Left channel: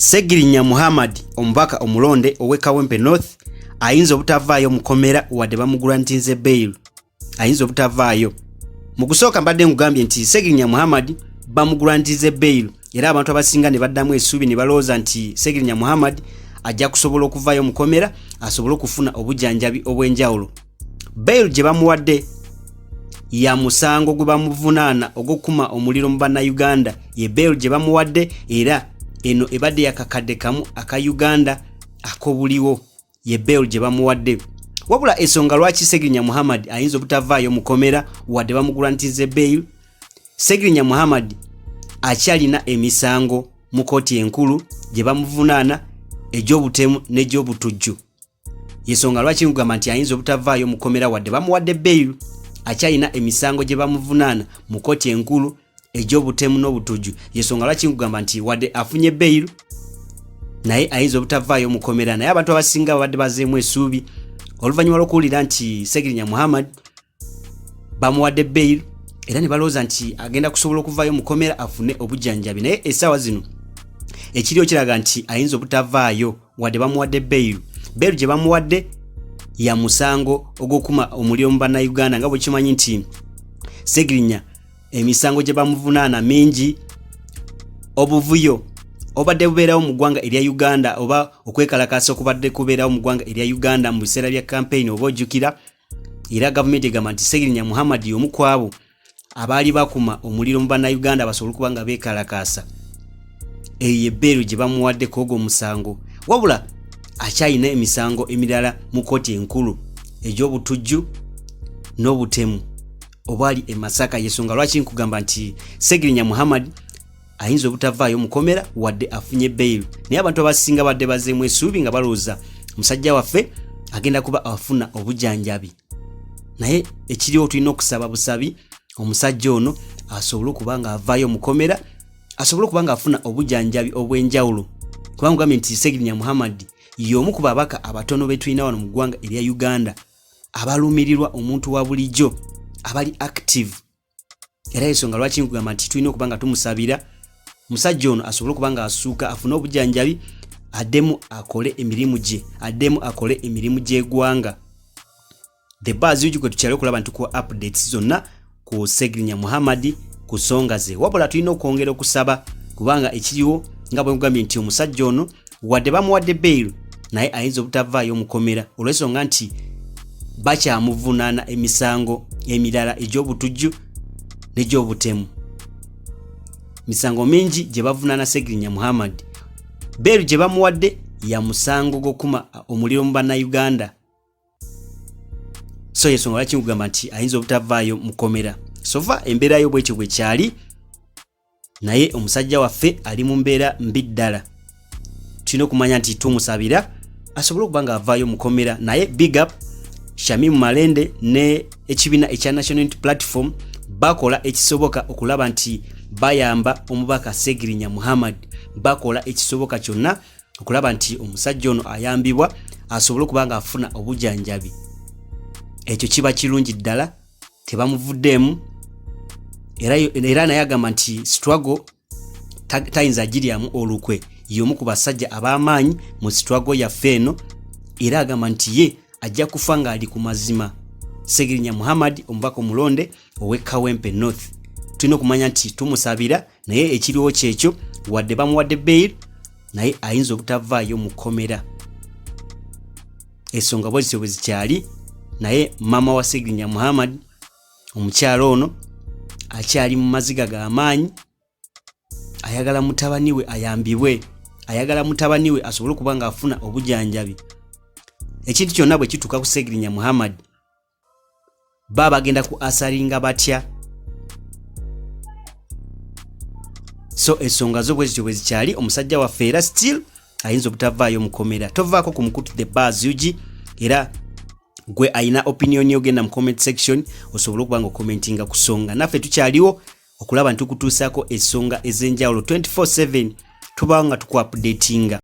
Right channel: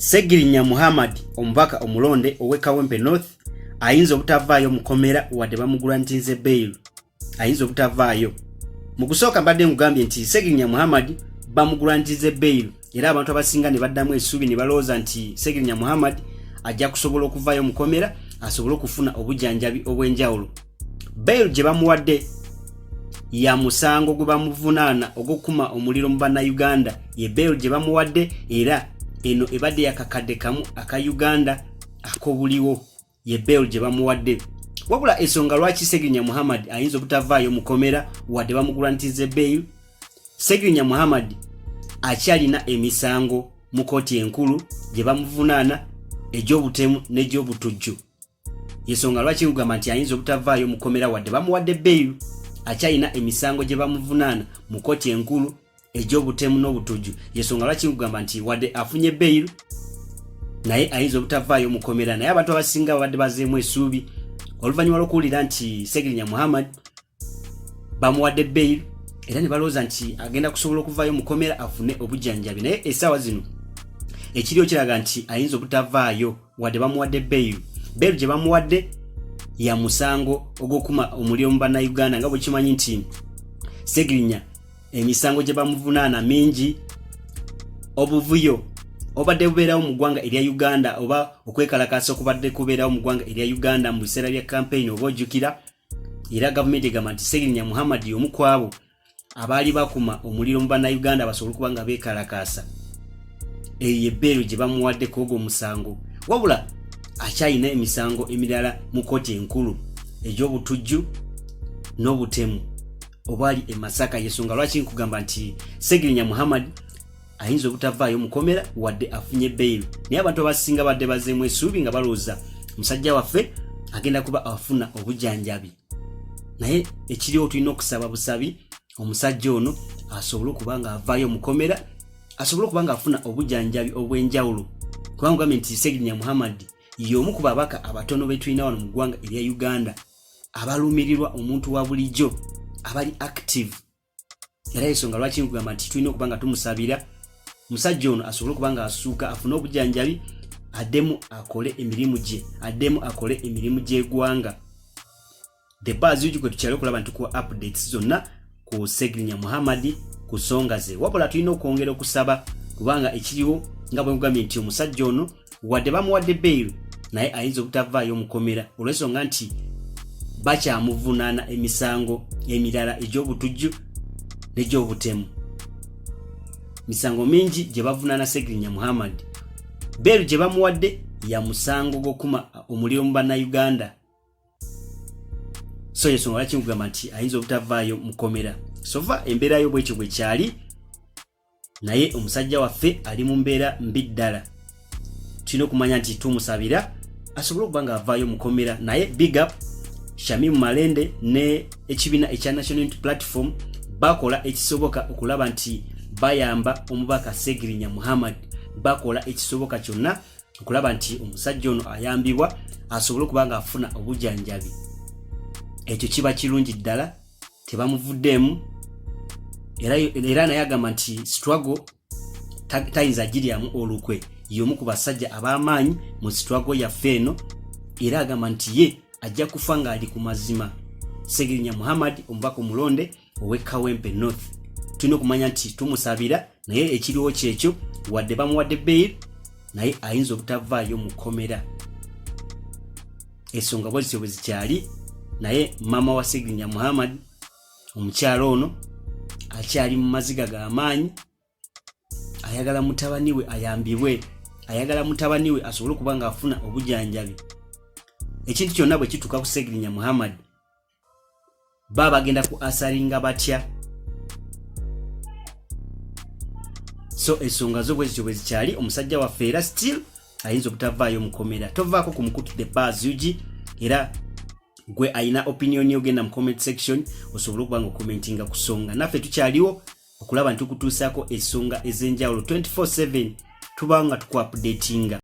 Ssegirinya Muhammad omubaka omulonde owe Kawempe North ayinza obutavaayo mukomera wadde bamugrantinze bail. Ayinza obutavaayo. Mu kusooka mbadde ngugambye nti Ssegirinya Muhammad bamugrantinze bail era abantu abasinga ne baddamu essuubi ne balowooza nti Ssegirinya Muhammad ajja kusobola okuvaayo mukomera asobole okufuna obujjanjabi obw'enjawulo. Bail gye bamuwadde ya musango gwe bamuvunaana ogw'okukuma omuliro mu bannayuganda ye bail gye bamuwadde era eno ebadde yakakadde kamu aka Uganda akobuliwo ye bail gye bamuwadde. Wabula ensonga lwaki Ssegirinya Muhammad ayinza obutavaayo mukomera wadde bamugrantinze bail. Ssegirinya Muhammad akyalina emisango mu kooti enkulu gye bamuvunaana egy'obutemu n'egy'obutujju. Yensonga lwaki ngugamba nti ayinza obutavaayo mukomera wadde bamuwadde bail. Akyalina emisango gye bamuvunaana mu kooti enkulu egy'obutemu n'obutujju. Yensonga lwaki ngugamba nti wadde afunye bail naye ayinza obutavaayo mukomera. Naye abantu abasinga wadde bazeemu essuubi oluvannyuma lw'okuwulira nti Ssegirinya Muhammad bamuwadde bail era ne balowooza nti agenda kusobola okuvaayo mukomera afune obujjanjabi. Naye essaawa zino ekiriyo kiraga nti ayinza obutavaayo wadde bamuwadde bail. Bail gye bamuwadde ya musango ogw'okuma omuliro mu bannayuganda nga bwe kimanyi nti Ssegirinya emisango gye bamuvunaana mingi. Obuvuyo obadde bubeerawo mu ggwanga erya Uganda oba okwekalakaasa okubadde kubeerawo mu ggwanga erya Uganda mu biseera bya campaign oba ojjukira era gavumenti egamba nti Ssegirinya Muhammad y'omu ku abo abaali bakuma omuliro mu bannayuganda basobole okuba nga beekalakaasa. Eyo ye bail gye bamuwadde kwogwo omusango. Wabula akyalina emisango emirala mu kooti enkulu egy'obutujju n'obutemu obwali e Masaka. Yensonga lwaki nkugamba nti Ssegirinya Muhammad ayinza obutavaayo mukomera wadde afunye bail. Naye abantu abasinga badde bazeemu essuubi nga balowooza musajja waffe agenda kuba afuna obujjanjabi. Naye ekiriwo tulina okusaba busabi omusajja ono asobole okuba nga avaayo mukomera, asobole okuba nga afuna obujjanjabi obw'enjawulo. Kubanga ngambye nti Ssegirinya Muhammad y'omu ku babaka abatono be tulina wano mu ggwanga erya Uganda abaluumirirwa omuntu wa bulijjo abali active. Era ensonga lwaki nkugamba nti tulina okuba nga tumusabira musajja ono asobole okuba nga asuuka afune obujjanjabi addemu akole emirimu gye, addemu akole emirimu gy'eggwanga. The buzz yugi kwe tukyali okulaba nti kuwa updates zonna ku Ssegirinya Muhammad ku nsonga ze. Wabula tulina okwongera okusaba kubanga ekiriwo nga bwe nkugambye nti omusajja ono wadde bamuwadde bail naye ayinza obutavaayo mukomera olw'ensonga nti bakyamuvunaana emisango emirala egy'obutujju n'egy'obutemu. Misango mingi gye bavunaana Ssegirinya Muhammad. Bail gye bamuwadde ya musango gw'okuma omuliro mu bannayuganda. So yensonga lwaki nkugamba nti ayinza obutavaayo mukomera. Sova embeera yo bwekyo bwe kyali naye omusajja waffe ali mu mbeera mbi ddala. Tulina okumanya nti tumusabira asobole okuba nga avaayo mukomera. Naye big up Shamimu Malende ne ekibiina ekya National Unity Platform bakola ekisoboka okulaba nti bayamba omubaka Ssegirinya Muhammad. Bakola ekisoboka kyonna okulaba nti omusajja ono ayambibwa asobole okuba nga afuna obujjanjabi. Ekyo kiba kirungi ddala tebamuvuddeemu era naye agamba nti struggle tayinza agiryamu olukwe. Y'omu ku basajja ab'amaanyi mu struggle yaffe eno era agamba nti ye ajja kufa ng'ali ku mazima. Ssegirinya Muhammad omubaka omulonde owe Kawempe North. Tulina okumanya nti tumusabira naye ekiriwo kyekyo wadde bamuwadde bail naye ayinza obutavaayo mukomera. Ensonga bwezityo bwe zikyali naye mama wa Ssegirinya Muhammad omukyalo ono akyali mu maziga g'amaanyi. Ayagala mutabani we ayambibwe, ayagala mutabani we asobole okuba nga afuna obujjanjabi. Ekintu kyonna bwe kituuka ku Ssegirinya Muhammad baba bagenda ku asalinga batya. So ensonga zo bwezityo bwe zikyali omusajja waffe era still ayinza obutavaayo mukomera. Tovaako ku mukutu the buzz yugi era gwe ayina opinion yogenda mu comment section osobole okuba nga okomentinga ku nsonga. Naffe tukyaliwo okulaba nti tukutuusaako ensonga ez'enjawulo 24/7 tuba nga tuku updatinga.